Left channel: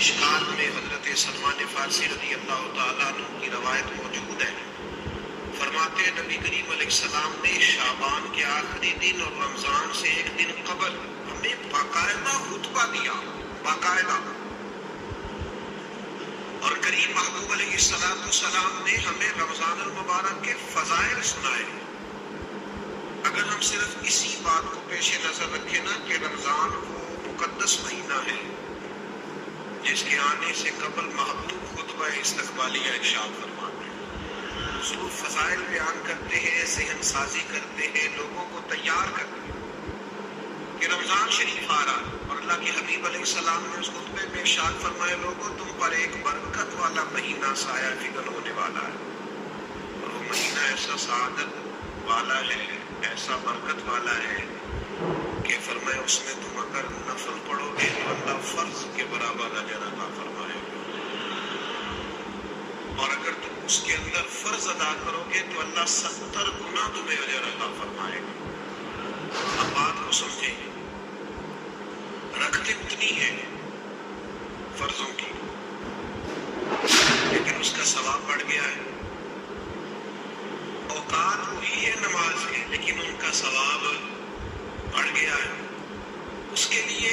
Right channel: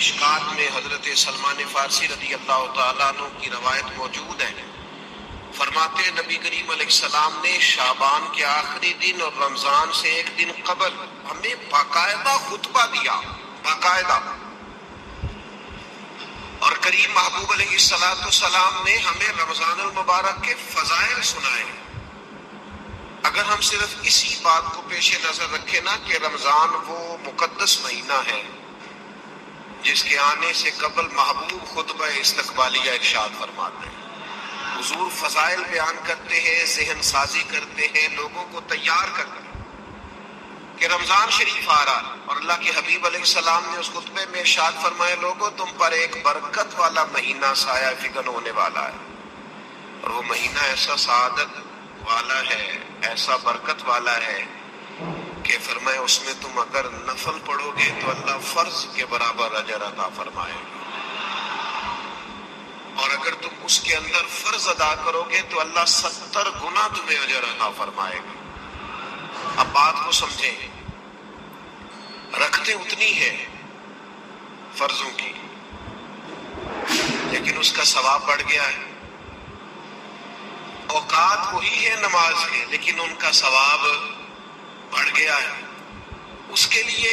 مشکات میں حضرت سلمان فارسی رضی اللہ تعالیٰ عنہ کی روایت موجود ہے. فرماتے ہیں نبی کریم علیہ السلام نے شعبان کے آخری دن اور رمضان سے ایک دن قبل ہمیں باقاعدہ خطبہ دیا، باقاعدہ. اور کریم محبوب علیہ السلام نے ہمیں رمضان المبارک کے فضائل سنائے. اگر ہم صرف اسی بات کو پیش نظر رکھیں نا کہ رمضان وہ مقدس مہینہ ہے جس کے آنے سے قبل محبوب خطبہ استقبالیہ ارشاد فرماتے ہیں، حضور فضائل بیان کرتے ہیں، ذہن سازی کرتے ہیں، لوگوں کو تیار کرتے ہیں کہ رمضان شریف آ رہا. اور اللہ کے حبیب علیہ السلام نے اس خطبے میں ارشاد فرمائے لوگوں تم پر ایک برکت والا مہینہ سایہ فکن ہونے والا ہے، اور وہ مہینہ ایسا سعادت والا ہے، ایسا برکت والا ہے کہ فرمائے اس میں تم اگر نفل پڑھو گے تو اللہ فرض کے برابر اجر عطا فرمائے گا، اور اگر تم اس کے اندر فرض ادا کرو گے تو اللہ 70 گنا تمہیں اجر عطا فرمائے گا. اب بات کو سمجھیں، رکھتے اتنی ہے فرضوں کی لیکن اس کا ثواب بڑھ گیا ہے. اوقات وہی ہے نماز کے لیکن ان کا ثواب بڑھ گیا ہے. اس کے لیے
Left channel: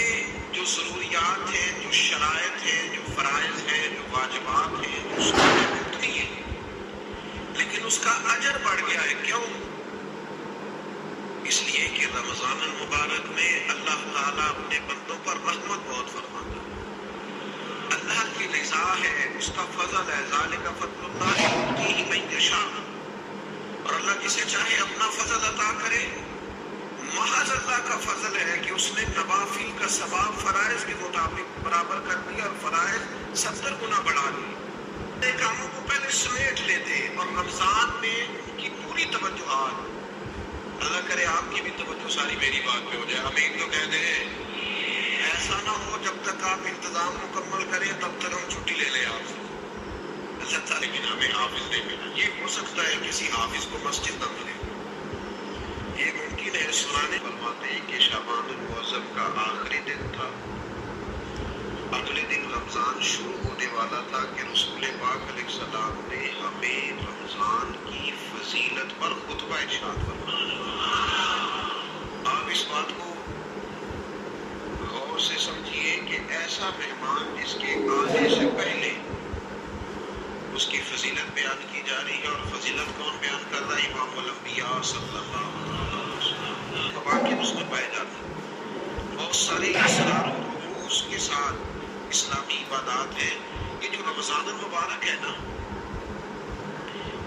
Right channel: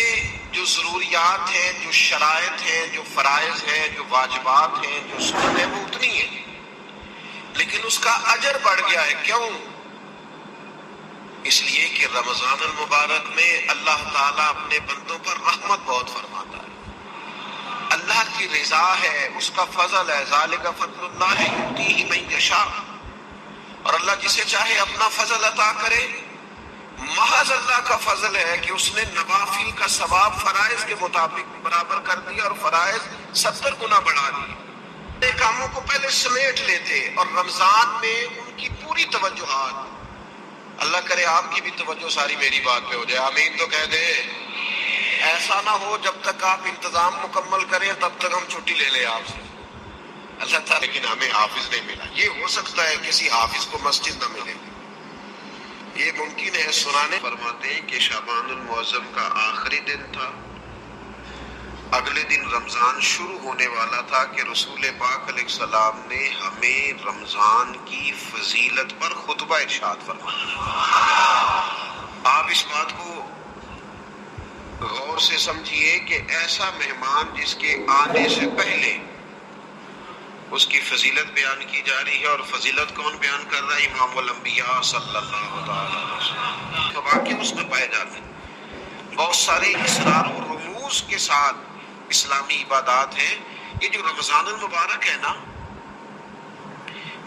جو ضروریات ہیں، جو شرائط ہیں، جو فرائض ہیں، جو واجبات ہیں، جو سنتیں ہیں وہ اتنی ہیں لیکن اس کا اجر بڑھ گیا ہے. کیوں؟ اس لیے کہ رمضان المبارک میں اللہ تعالیٰ اپنے بندوں پر رحمت بہت فرماتا ہے، اللہ کی رضا ہے، اس کا فضل ہے. ذالک فضل اللہ یؤتیہ من یشاء. اور اللہ جسے چاہے اپنا فضل عطا کرے. محض اللہ کا فضل ہے کہ اس نے نوافل کا ثواب فرائض کے مطابق برابر کر دیا اور فرائض 70 گنا بڑھا دیے. کاموں کو پہلے سمیٹ لیتے اور رمضان میں ان کی پوری توجہات، اللہ کرے آپ کی بھی توجہ ساری میری بات پہ ہو جائے، آمین تو کہہ دے. ایسا نہ ہو جب تک آپ انتظام مکمل کریں تب تک ہم چھٹی لے لیں آپ سے. اللہ تعالیٰ لیکن ہمیں حافظ نہیں ملا. یہ ہو سکتا ہے کسی حافظ کو مسجد نہ ملے، یہ ممکن ہے. سنانے فرماتے ہیں کہ شعبان المعظم کا آخری دن تھا، اگلے دن رمضان شروع ہونے والا تھا کہ رسول پاک علیہ السلام نے ہمیں رمضان کی فضیلت پر خطبہ ارشاد فرمایا. آپ اس بات کو غور سے سمجھیے کہ ایسا مہمان جس کے آنے سے پہلے اس کی فضیلت بیان کی جا رہی ہے، اور فضیلت کون بیان کر رہا ہے؟ امام الانبیاء صلی اللہ علیہ وسلم. واقعی اس میں پائے جاتے بہت سارے اسرار و رموز کے ساتھ اسلامی عبادات ہیں. یہ جو رمضان المبارک ہے نا،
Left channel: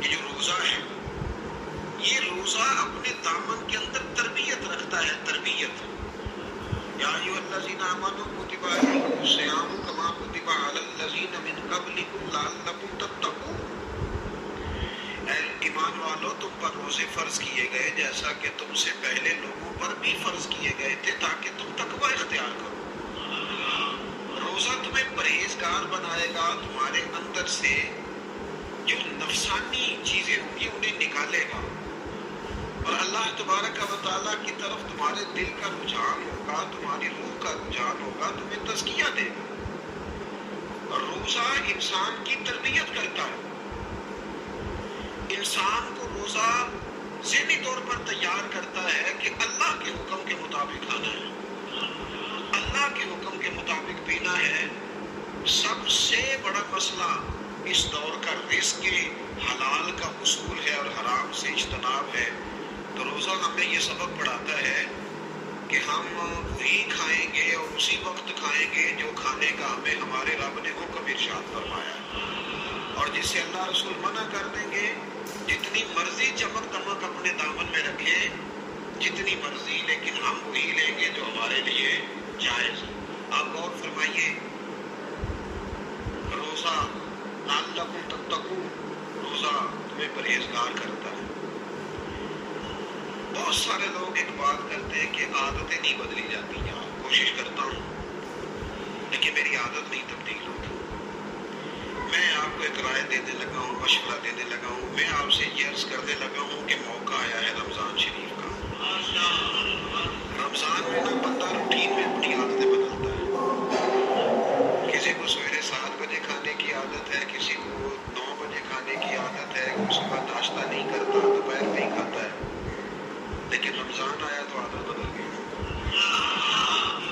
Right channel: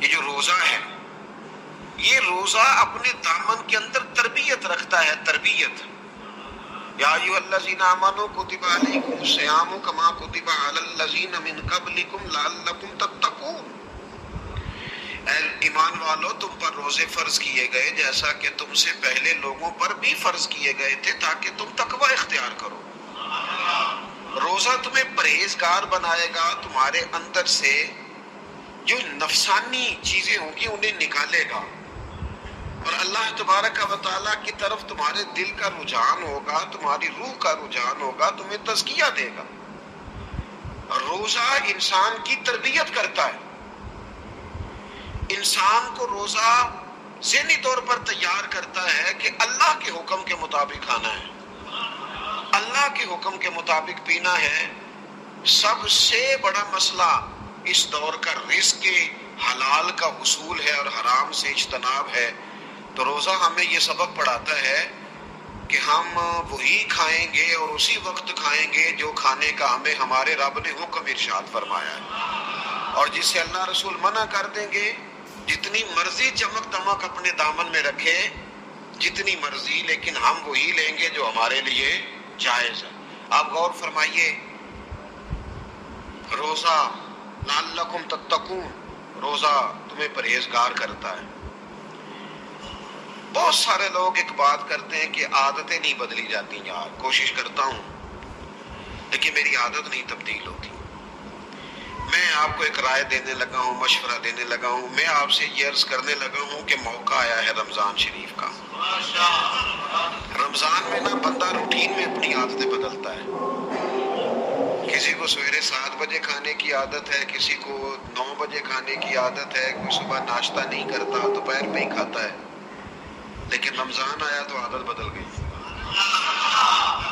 یہ جو روزہ ہے، یہ روزہ اپنے دامن کے اندر تربیت رکھتا ہے. تربیت، یا ایھا الذین آمنوا کتب علیکم الصیام کما کتب علی الذین من قبلکم لعلکم تتقون. اے ایمان والو تم پر روزے فرض کیے گئے جیسا کہ تم سے پہلے لوگوں پر بھی فرض کیے گئے تھے تاکہ تم تقوی اختیار کرو. روزہ تمہیں پرہیزگار بنائے گا، تمہارے اندر سے جو نفسانی چیزیں ہوں گی انہیں نکالے گا، اور اللہ تبارک و تعالیٰ کی طرف تمہارے دل کا رجحان ہوگا، تمہاری روح کا رجحان ہوگا، تمہیں تزکیہ دے گا. روزہ انسان کی تربیت کرتا ہے. انسان کو روزہ ذہنی طور پر تیار کرتا ہے کہ اللہ کے حکم کے مطابق کھانا ہے، اللہ کے حکم کے مطابق پینا ہے. سب سے بڑا مسئلہ اس دور کا رزق حلال کا حصول ہے اور حرام سے اجتناب ہے. تو روزہ ہمیں یہ سبق پڑھاتا ہے کہ ہم وہی کھائیں گے اور اسی وقت کھائیں گے جو کھانے کا ہمیں ہمارے رب نے حکم ارشاد فرمایا ہے، اور جس سے اللہ رسول منع کر دیں گے جتنی مرضی چمک دمک اپنے دامن میں رکھے، جتنی مرضی، لیکن ہم وہی لیں گے جو ہمارے لیے جائز ہے. آپ غور فرمائیے، روزہ لعلکم تتقون، روزہ تمہیں پرہیزگار کرتا ہے. بہت سارے لوگ ایک بات کرتے ہیں کہ عادتیں نہیں بدلی جاتی. یار کوشش کرتا ہوں لیکن میری عادت نہیں تبدیل ہوتی. میں آپ کو ایک رائے دینے لگا ہوں، مشورہ دینے لگا ہوں. میں آپ سے یہ عرض کرنے لگا ہوں کہ موقع آیا ہے رمضان شریف کا. رمضان میں نا بندہ روٹین میں اپنی عادتیں بدلتا ہے کہ کسی کو سویرے 7 بجے کھانے کی عادت ہے، کسی کو 9 بجے کھانے کی عادت ہے، کوئی صبح ناشتہ نہیں کرتا، دوپہر میں ہی کھاتا ہے، لیکن رمضان آیا تو عادت بدل گئی۔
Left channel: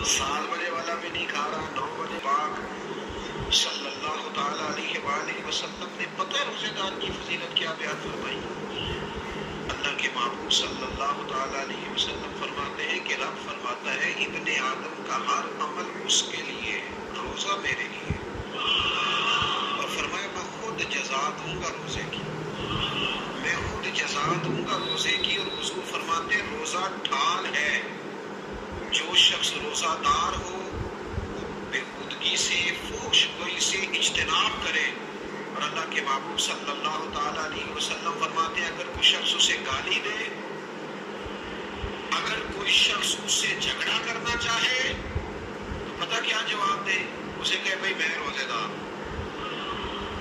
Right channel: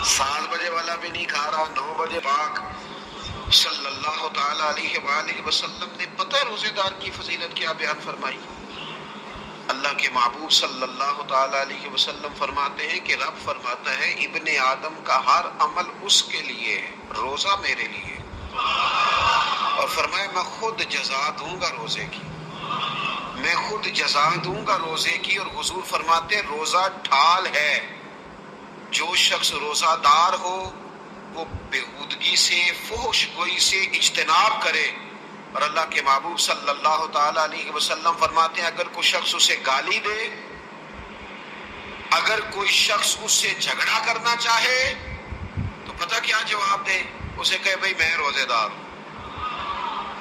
7 بجے والا بھی نہیں کھا رہا، 9 بجے۔ پاک صلی اللہ تعالی علیہ وآلہ وسلم نے پتہ روزے دار کی فضیلت کیا بیان فرمائی؟ اللہ کے محبوب صلی اللہ تعالی علیہ وسلم فرماتے ہیں کہ رب فرماتا ہے ابن آدم کا ہر عمل اس کے لیے ہے، روزہ میرے لیے، اور فرمایا میں خود جزا دوں گا روزے کی، میں خود جزا دوں گا روزے کی۔ اور حضور فرماتے ہیں روزہ ڈھال ہے، جو شخص روزہ دار ہو وہ بےہودگی سے، فحش گوئی سے اجتناب کرے۔ اور اللہ کے محبوب صلی اللہ تعالی علیہ وسلم فرماتے ہیں اگر کوئی شخص اسے گالی دے، اگر کوئی شخص اس سے جھگڑا کرنا چاہے تو پتہ کیا جواب دے؟ اسے کہے بھئی میں روزے دار ہوں،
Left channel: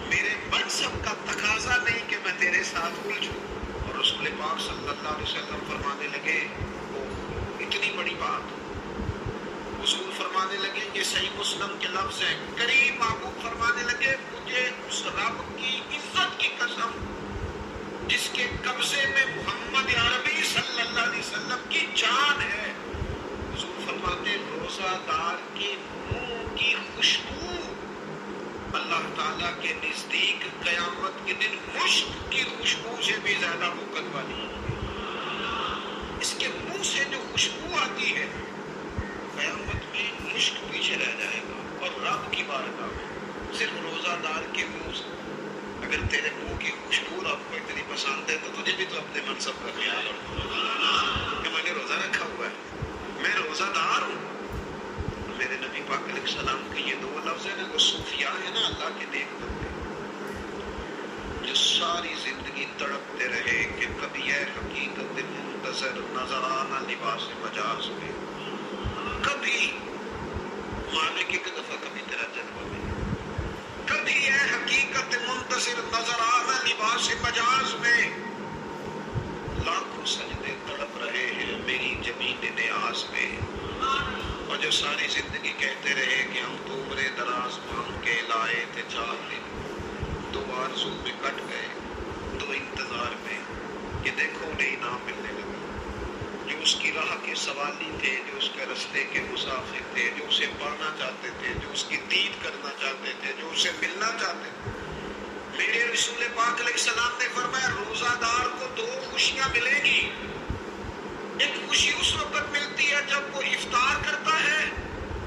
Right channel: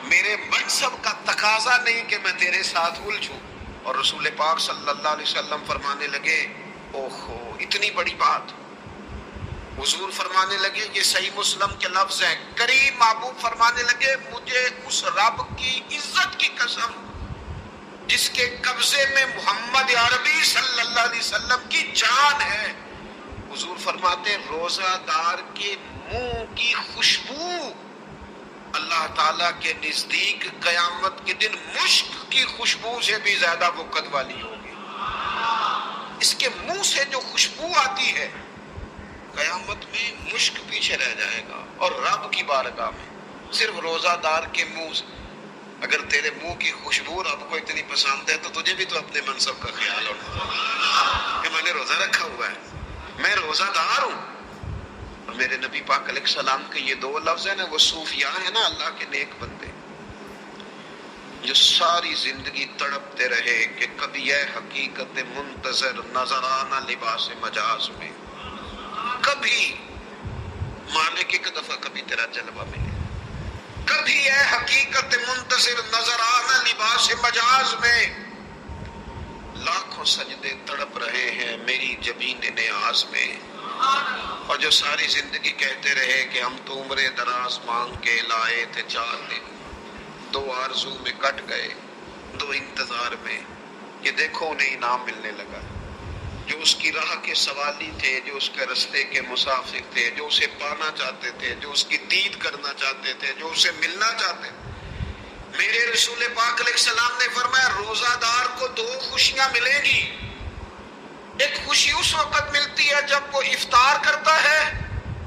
میرے منصب کا تقاضا نہیں کہ میں تیرے ساتھ الجھوں۔ اور رسول پاک صلی اللہ علیہ وسلم فرمانے لگے اوہو اتنی بڑی بات۔ حضور فرمانے لگے، یہ صحیح مسلم کے لفظ ہیں، کریم محبوب فرمانے لگے مجھے اس رب کی عزت کی قسم جس کے قبضے میں محمد عربی صلی اللہ علیہ وسلم کی جان ہے، حضور فرماتے ہیں روزہ دار کے منہ کی خوشبو اللہ تعالیٰ کے نزدیک قیامت کے دن مشک کی خوشبو سے بھی زیادہ وقت والی ہوگی۔ اس کے منہ سے جو خوشبو آتی ہے قیامت میں مشک پیچھے رہ جائے گا، اور رب کی بارگاہ میں صرف روزہ دار کے منہ سے اگر تیرے منہ کی خوشبو رب کو اتنی پسند ہے تو تجھے بھی تو اپنے منصب کا خیال ہوگا کہ میں نے روزہ رکھا ہوا ہے، میں روزہ دار ہوں۔ اور میرے نبی پاک علیہ السلام کے یہ 2 لفظ ہیں نا، وہ صوفیاء ہیں نا، اللہ کے نیک بندے جو ساری زندگی تڑپتے رہے کہ کبھی اے حقیقت منتظر نظر آنا لباس مجاز میں، کبھی مالک ایک دفعہ کبھی تیرا جلوہ ملے، کبھی اے حقیقت منتظر نظر آنا لباس مجاز میں، لاکھوں سجدے تڑپ رہے ہیں میری جبین نیاز میں۔ اور جو ساری زندگی کہتے رہے کہ ہم تو عمر دراز مانگ کے لائے تھے 4 دن، 2 آرزو میں کٹ گئے، 2 انتظار میں، کہ دیکھو انہیں انعام ملنے لگا۔ جو اس کی راہ کے سوالی تھے، جو اس کے رستے کے مسافر تھے، جو اسے پانا چاہتے تھے، جو اس کی دید کرنا چاہتے تھے، جو اسے ملنا چاہتے تھے، میرے رسول پاک علیہ السلام نے فرمایا روزہ دار کو 2 خوشیاں ملیں گی۔ ایک خوشی اس وقت ملتی ہے جب وہ افطار کرتا ہے،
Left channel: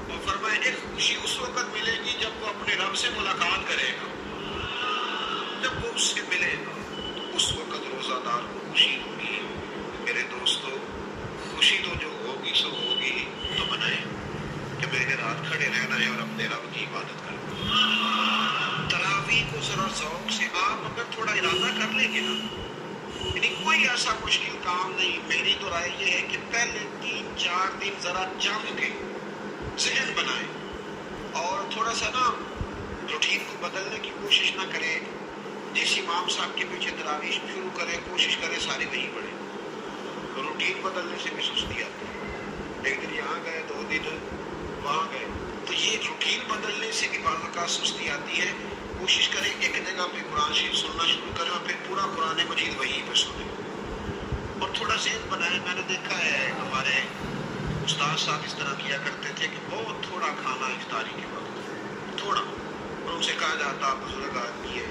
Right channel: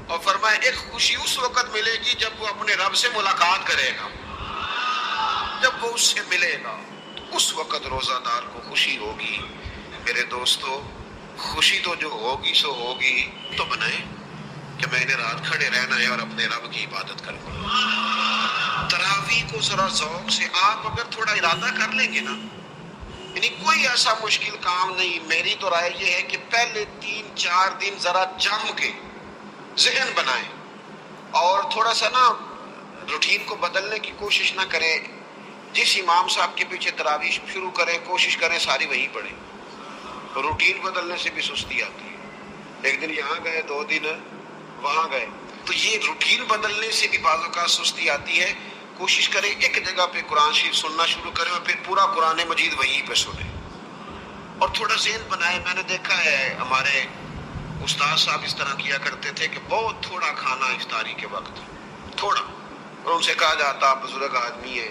اور فرمایا ایک خوشی اس وقت ملے گی جب وہ اپنے رب سے ملاقات کرے گا، جب وہ اس سے ملے گا تو اس وقت روزہ دار کو خوشی ہوگی۔ میرے دوستو خوشی تو جو ہوگی سو ہوگی تو بنائے کہ میں نے رات کھڑے رہنا ہے اور اپنے رب کی عبادت کرنا ہے۔ تراویح کو ذرا ذوق سے آپ اگر تھوڑا ارادہ کر لیں گے نا، یعنی کوئی ایسا مشکل کام نہیں، میری تو رائے یہ ہے کہ پہلے 3-4 دن ذرا جم کے ذہن بنائیں اور تھوڑا سا نا روٹین کو بدلنے کی کوشش نہ کریں۔ جس امام صاحب کے پیچھے تراویح شروع کریں کوشش کریں ساری وہی پڑھیں، روٹین بدلنے سے بھی سستی آتی ہے۔ ایک دن یہاں گئے، 2 دن وہاں گئے، تو یہ روٹین بدلنے سے بھی بعض اوقات سستی آتی ہے۔ کوشش کریں ایک جگہ پہ قرآن شریف سننا شروع کریں اور پھر پورا قرآن مجید وہیں پہ سنیں، اور تھوڑا ذہن بنائیں۔ میں نے دیکھا ہے ہمارے استاد صاحب اس طرح کیا کرتے تھے کہ بہت تھوڑا کھانا افطاری کے وقت، تھوڑا، اور ان سے کہا جاتا بزرگ آدمی ہے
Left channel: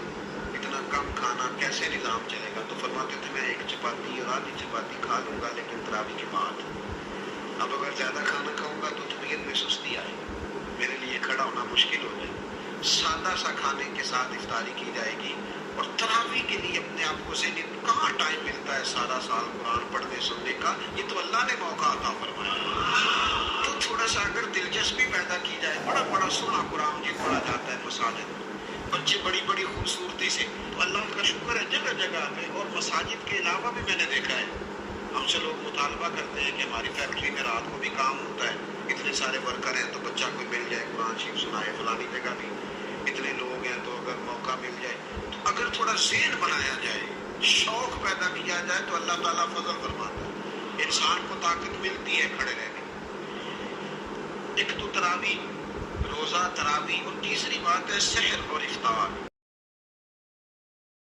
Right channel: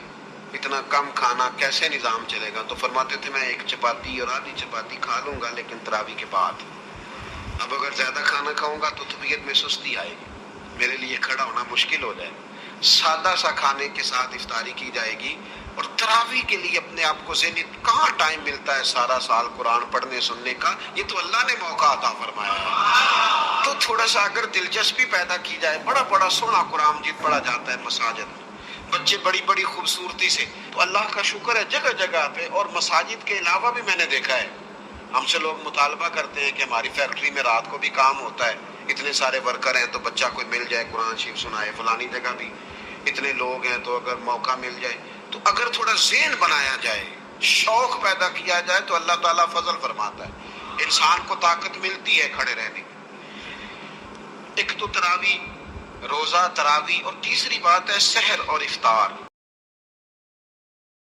اتنا کم کھانا کیسے نظام چلے گا؟ تو فرماتے تھے میں 1 چپاتی اور آدھی چپاتی کھا لوں گا لیکن تراویح کے بعد، اب اگر زیادہ کھانا کھاؤں گا تو طبیعت میں سستی آئے گی، میرے لیے کھڑا ہونا مشکل ہو جائے گا۔ سادہ سا کھانے کے ساتھ افطاری کی جائے گی، اور تراویح کے لیے اپنے آپ کو ذہنی کہاں ٹائم ملتا ہے سارا سال قرآن پڑھنے سننے کا؟ یہ تو اللہ نے موقع عطا فرمایا ہے، تو تھوڑا سا اگر دلچسپی پیدا کی جائے، بڑا بڑا سونا قرآن مجید پڑھا جاتا ہے مساجد میں، بچے بڑی بڑی خوبصورتی سے، تو اللہ کا شکر ہے جگہ جگہ پہ۔ اور مساجد کے علاوہ بھی میں نے دیکھا ہے ہم سے لوگ مطالبہ کرتے ہیں کہ ہماری فیکٹری میں رات کو بھی کام ہوتا ہے، اتنے سارے ورکر ہیں تو بچہ کوئی مل جائے قرآن شریف سنائے، فلانی جگہ بھی اتنے لوگ ہیں تو اگر موقع مل جائے، تو اگر تھوڑا ذہن بنایا جائے، شوق پیدا کیا جائے تو اللہ تعالیٰ فضل فرماتا ہے، انسان کو طاقت ملتی ہے کھڑے رہنے۔ ایک تو تراویح روزہ، تراوی، اور تیسری بات ہے سحر اور افطار۔